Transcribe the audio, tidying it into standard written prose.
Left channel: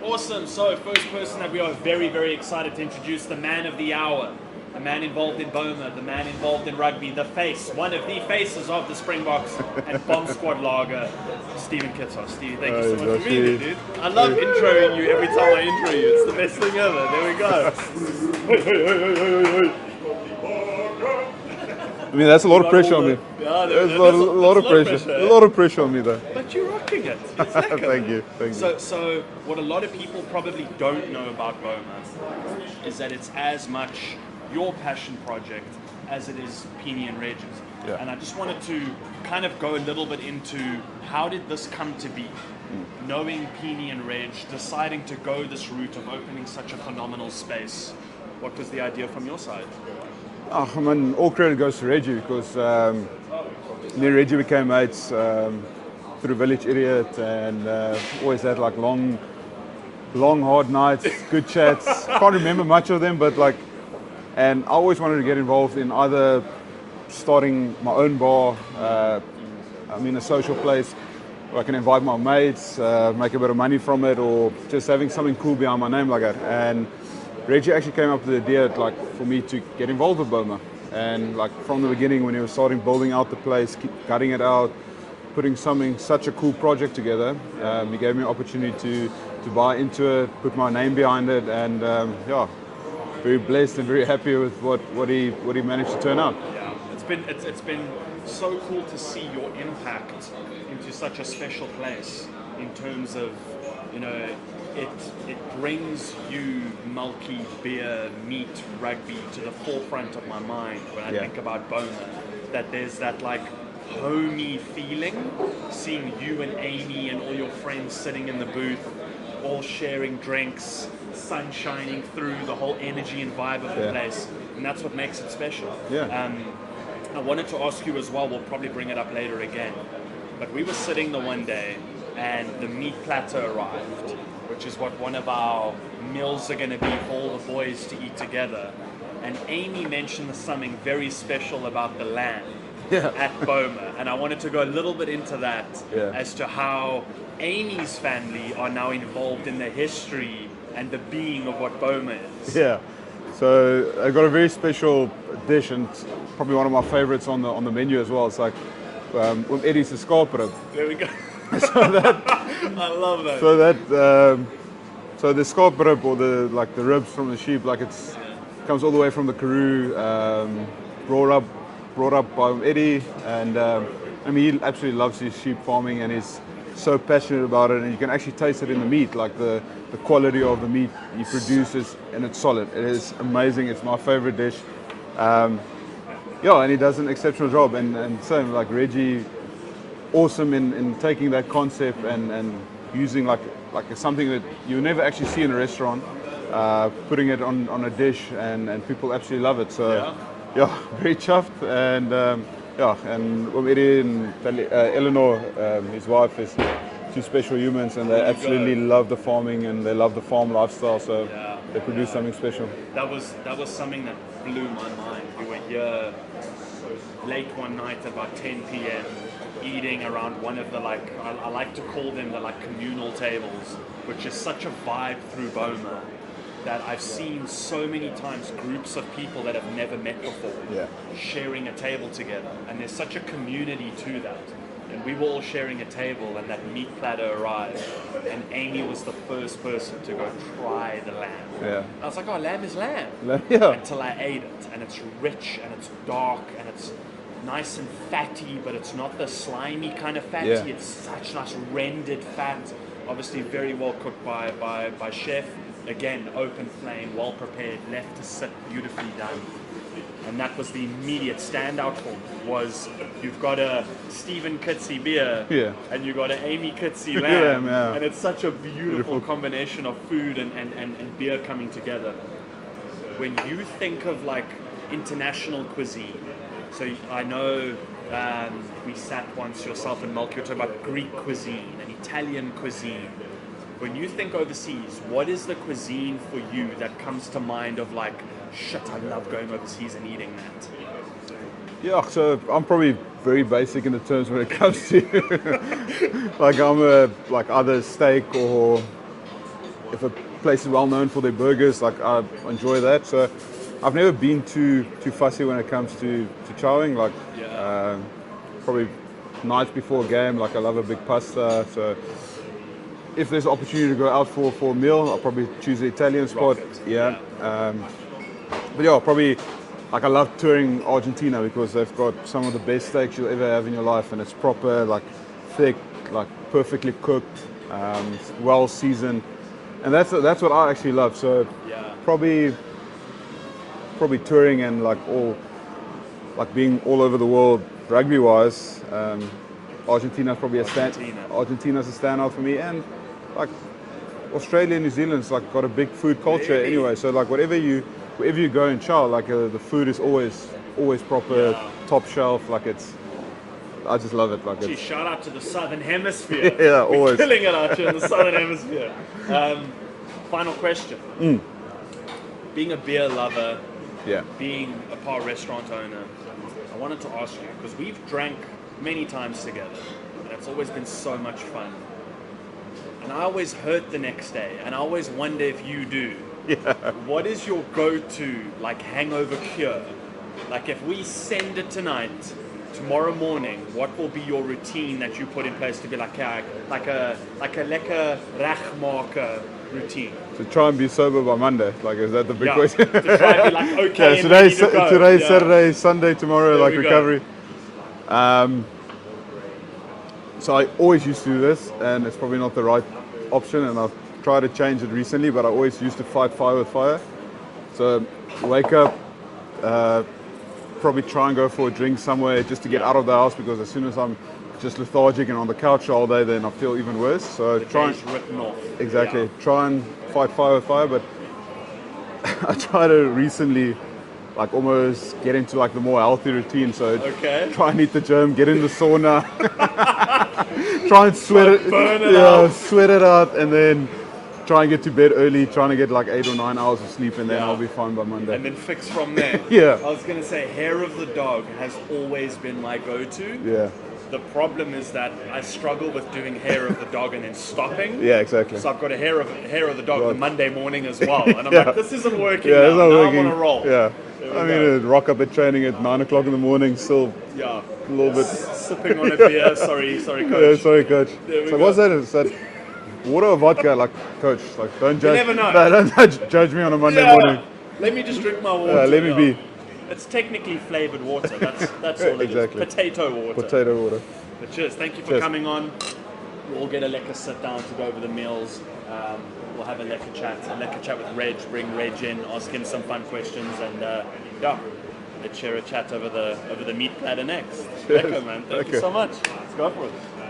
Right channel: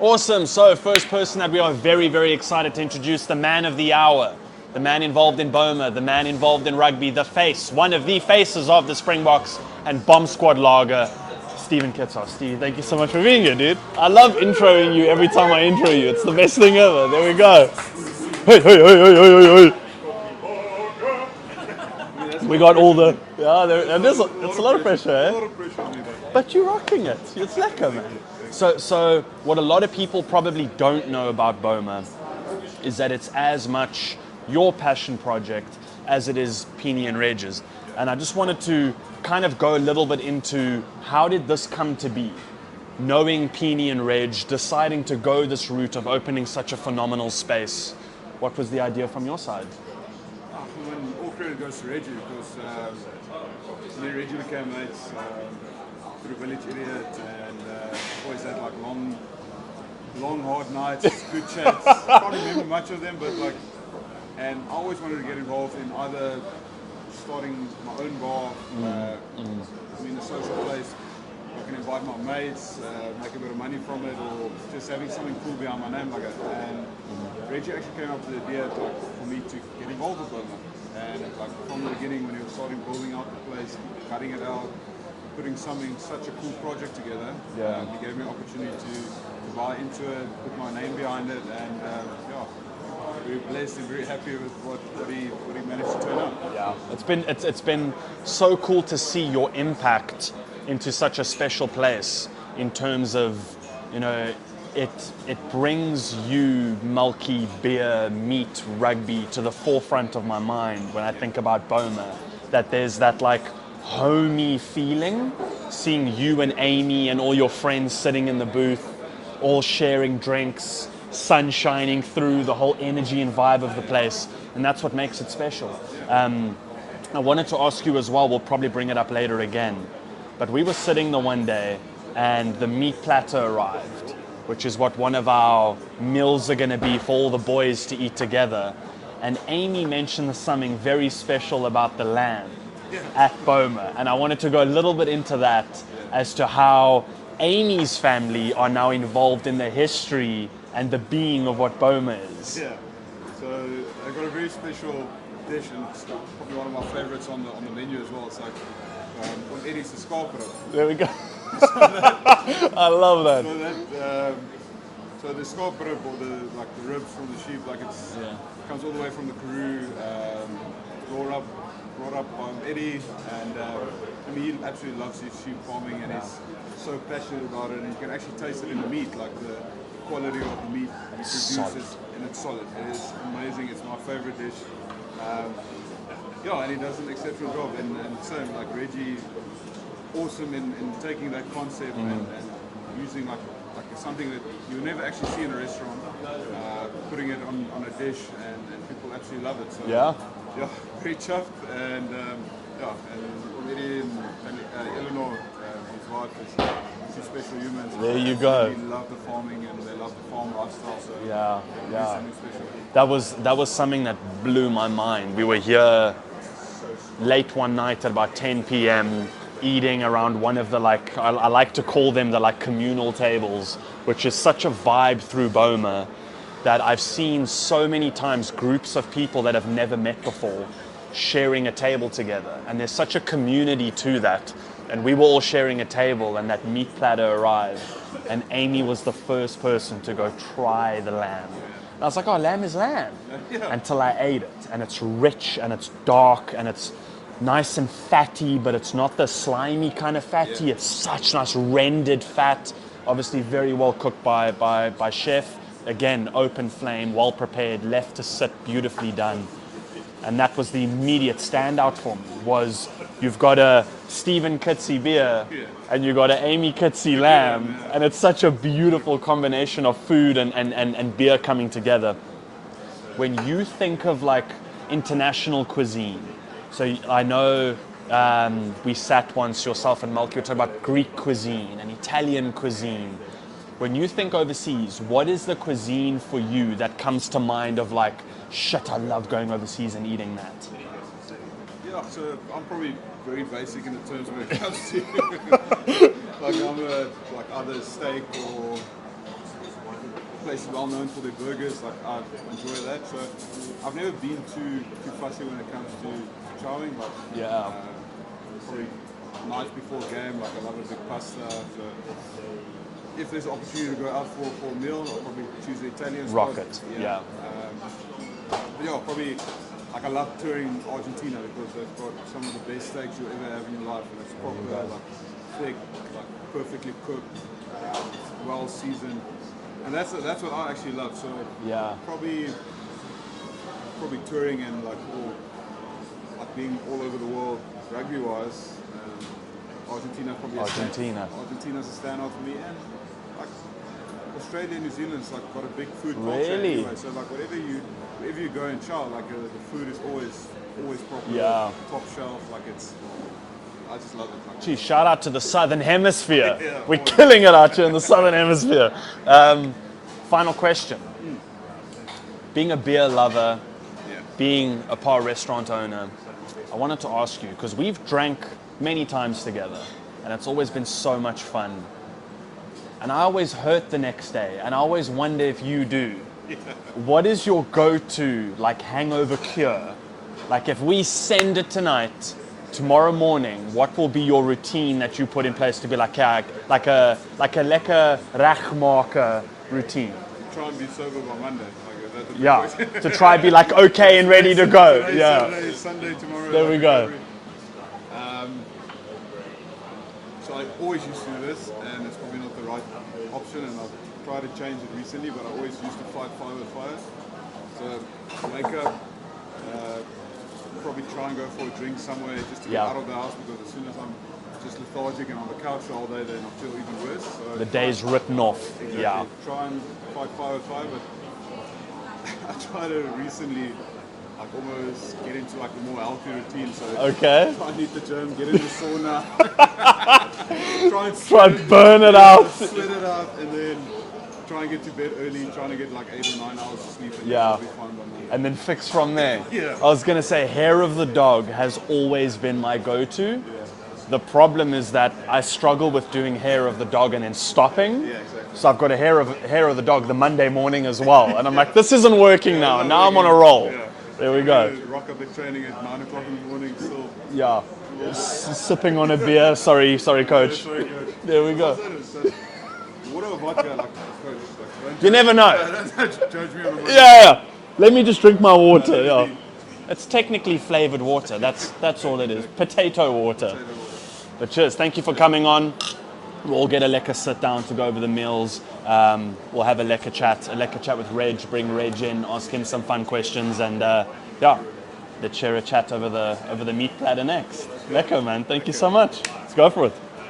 Awesome. So, first person that we are very, very excited to introduce, the man of the hour, the man involved in Boma, the man involved in rugby, the face, one of the faces of the Springboks and Bomb Squad Lager, Stephen Kitshoff. Steve, thank you so much for being here, dude. I love introing you every time I intro you. It's the best thing ever. There we go. Hey, hey, hey, hey, hey, hey. I mean, that's a lot of pressure on me. Yeah, there's a lot of pressure. Eh? A lot of pressure on me, though. But you're rocking it. It's lekker. Thank you. So what a lot of people probably don't know about Boma is that it's as much your passion project as it is Peony and Reg's. Yeah. And I just wanted to kind of go a little bit into how did this come to be? Knowing Peony and Reg, deciding to go this route of opening such a phenomenal space. What was the idea from your side? Oh, I mean, all credit goes to Reggie because me and Reggie became mates through Village Idiot and always had like long, hard nights, good chats. Can't remember much of them, but like, and I always wanted to get involved in either starting my own bar, I mean a social place where I can invite my mates, make a bit of money from it, or just having something cool behind my name like that. And Reggie actually came up with the idea like for me to get involved with Boma, and like from the beginning when he was starting building out the place, cutting it out, putting such a cool project together, he gave me an opportunity to buy into it, put my name behind it, and yeah, very blessed and very happy with what he managed to turn out. Yeah, it's been so cool to see your impact into such a special place in terms of, you know, it brings you, Mulkey, beer, meat, rugby to the forefront of my mind when I think about Boma. That there's that like homey feeling, seeing you and Amy and all your friends sitting in the booth, all sharing drinks, sun shining through, the whole energy and vibe of the place, and that's what makes it special. Yeah. I wanted to ask you as well, we'll probably bring it up later again, but we were sitting the one day and the meat platter arrived, which is what one of our meals are going to be for all the boys to eat together. And Amy mentioned something very special about the lamb at Boma. And I wanted to go a little bit into that as to how Amy's family are now involved in the history and the being of what Boma is. Yeah. So I got a very special dish, and it's probably one of my favorites on the menu as well. It's like with Eddie's skaapbrip. There we go. I love that. So the skaapbrip, or the ribs from the sheep, like comes all the way from the Karoo, brought up by Eddie, and I mean he absolutely loves his sheep farming and he's so passionate about it, and you can actually taste it in the meat, like the quality of the meat he produces, and it's solid. It is amazing. It's my favorite dish. Yeah, and he does an exceptional job, and same like Reggie, awesome in taking that concept and using like something that you never actually see in a restaurant, putting it on a dish, and people absolutely love it. So yeah, very chuffed, and and Omiri and Eleanor, his wife, is two special humans, and they absolutely love the farming and they love the farm lifestyle. So they produce something special. That was something that blew my mind. We were here late one night at about 10 p.m. eating around one of the I like to call them the communal tables, which is such a vibe through Boma that I've seen so many times groups of people that have never met before sharing a table together, and there's such a community to that. And we were all sharing a table, and that meat platter arrived, and Amy was the first person to go try the lamb. And I was like, oh, lamb is lamb. Until I ate it, and it's rich and it's dark and it's nice and fatty, but it's not the slimy kind of fatty. It's such nice rendered fat, obviously very well cooked by chef. Again, open flame, well prepared, left to sit, beautifully done. And that was the immediate standout for me, was you've got a Stephen Kitsy beer and you've got an Amy Kitsy lamb. And it's such a beautiful combination of food and beer coming together. When you think of international cuisine, so I know we sat once, yourself and Malcolm, talking about Greek cuisine and Italian cuisine. When you think overseas, what is the cuisine for you that comes to mind of shit, I love going overseas and eating that? Yeah, so I'm probably very basic in the terms when it comes to I'm either steak or if a place is well known for their burgers, like I enjoy that. So I've never been too fussy when it comes to chowing. Like probably nights before a game, like I love a big pasta. So if there's an opportunity to go out for a meal, I'll probably choose the Italian spot. Yeah. But yeah, probably like I love touring Argentina because they've got some of the best steaks you'll ever have in your life, and it's proper, like thick, like perfectly cooked, well seasoned, and that's what I actually love. So probably touring and like being all over the world rugby wise. Argentina's probably Argentina's a standout for me, and like Australia and New Zealand's like got a big food culture anyway. So like wherever you go and chow, like the food is always proper, top shelf. Like I just love it. Like gee, shout out to the Southern Hemisphere. We're always killing it out here in the Southern Hemisphere. Final question. Being a beer lover, being a bar restaurant owner, I wanted to ask you, because we've drank many times together, and it's always been so much fun. And I always hurt the next day, and I always wonder if you do. What is your go-to like hangover cure? Like if we send it tonight, tomorrow morning, what will be your routine that you put in place to be like a lekker regmaker routine? To try and be sober by Monday. Like is that the big question? To try and be like okay and ready to go. Today's Saturday, Sunday, tomorrow, there like recovery. So I always used to do this, and it's probably not the right option, and I've tried to change it recently, but I always used to fight fire with fire. So wake up, probably try and go for a drink somewhere just to get out of the house, because as soon as I'm just lethargic and on the couch all day, then I feel even worse. So the day's written off. Exactly. Try and fight fire with fire, but I try to recently like almost get into like the more healthy routine. So try and hit the gym, get in the sauna, try and burn it out, sweat it out, and then try and get to bed early, trying to get like 8 or 9 hours of sleep, and then I'll be fine by Monday. And then fix from there. I was gonna say hair of the dog has always been my go-to. The problem is that I struggle with doing hair of the dog and then stopping. Exactly. So I've got a hair of the dog the Monday morning as well, and I'm like, this isn't working now. Now I'm on a roll. There we go. Rock up at training at 9 o'clock in the morning, still a little bit sipping on a beer. Sorry, coach. Sorry, coach. There we go. What's that? Is that water or vodka? Like, coach, like don't judge. You never know. Don't judge me on a Monday morning. Let me just drink my water. Let me be. It's technically flavored water. That's all it is. Potato water. But cheers. Thank you for coming on. We'll all get a lekker sit down to go over the meals. We'll have a lekker chat with Reg. Bring Reg in, ask him some fun questions, and let's share a chat over the meat platter next. Lekker, man. Thank you so much. Let's go for it.